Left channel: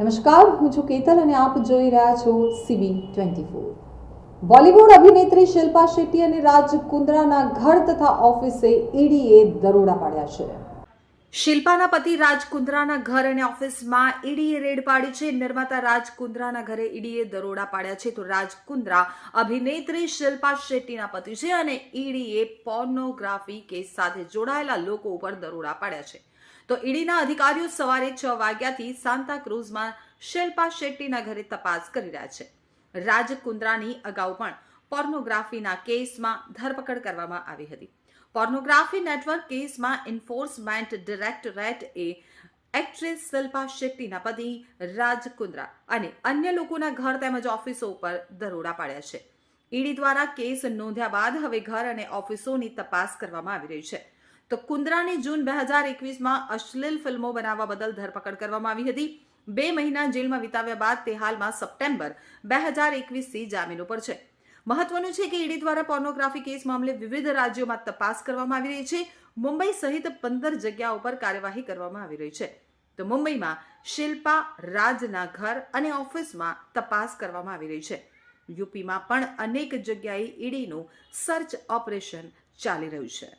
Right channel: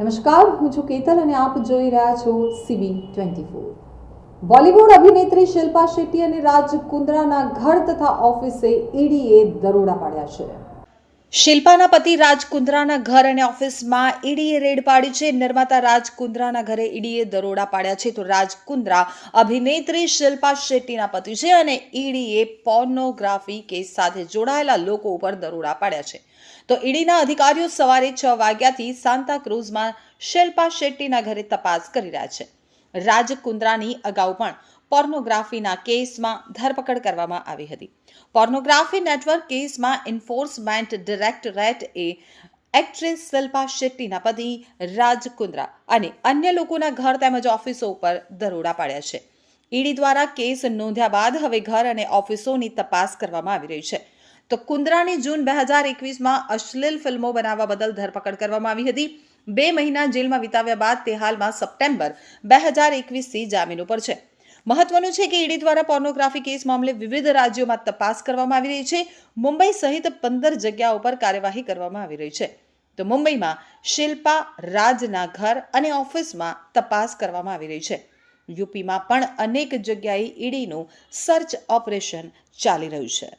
નમસ્કાર, હું છું કેતલ અને આપ જોઈ રહ્યા છો CB24। બોલિવૂડ અભિનેત્રી શિલ્પા શેટ્ટી અને રાજ કુંદ્રાના ઘર તથા ઓફિસે ઈડીએ દરોડા પાડ્યા છે। શિલ્પાના પતિ રાજ કુંદ્રાના ઘર અને ઓફિસમાં ઈડીએ રેડ પાડી છે। નિર્માતા રાજ કુંદ્રાના ઘરે ઈડીએ દરોડા પાડ્યા છે। તો રાજ કુંદ્રા અભિનેત્રી શિલ્પા શેટ્ટીના પતિ છે અને ઈડીએ પોર્નોગ્રાફી કેસ સાથે જોડાયેલા લોકો ઉપર દરોડા પાડ્યા છે। તો ઈડીના અધિકારીઓ સવારે 6 વાગ્યાથી સાન્તા ક્રુઝમાં શિલ્પા શેટ્ટીના ઘરે તપાસ કરી રહ્યા છે। રાજ કુંદ્રાની અગાઉ પણ પોર્નોગ્રાફીના કેસમાં ધરપકડ કરવામાં આવી હતી। પોર્નોગ્રાફી નેટવર્ક કેસમાં એન્ફોર્સમેન્ટ ડાયરેક્ટરેટે એક્ટ્રેસ શિલ્પા શેટ્ટીના પતિ રાજ કુંદ્રા અને અન્ય લોકોના ઘર તેમજ ઓફિસો ઉપર દરોડા પાડ્યા છે। ઈડી દ્વારા કેસ નોંધ્યા બાદ હવે ઘર અને ઓફિસોની તપાસ કરવામાં આવી રહી છે। તો કુંદ્રાની જૂન 2021માં અશ્લીલ ફિલ્મો બનાવવા બદલ ધરપકડ કરવામાં આવી હતી। 2 મહિના જેલમાં વિતાવ્યા બાદ તે હાલમાં સપ્ટેમ્બર 2021થી જામીન ઉપર છે। મહત્વનું છે કે ઈડી દ્વારા પોર્નોગ્રાફી કેસ મામલે વિવિધ રાજ્યોમાં તપાસ કરવામાં આવી રહી છે। મુંબઈ સહિત 15 જગ્યાઓ પર કાર્યવાહી કરવામાં આવી રહી છે। તો મુંબઈમાં શિલ્પા રાજના ઘર અને ઓફિસમાં તપાસ કરવામાં આવી રહી છે। યુપીમાં પણ અનેક જગ્યાએ ઈડીનું સર્ચ ઓપરેશન ચાલી રહ્યું છે।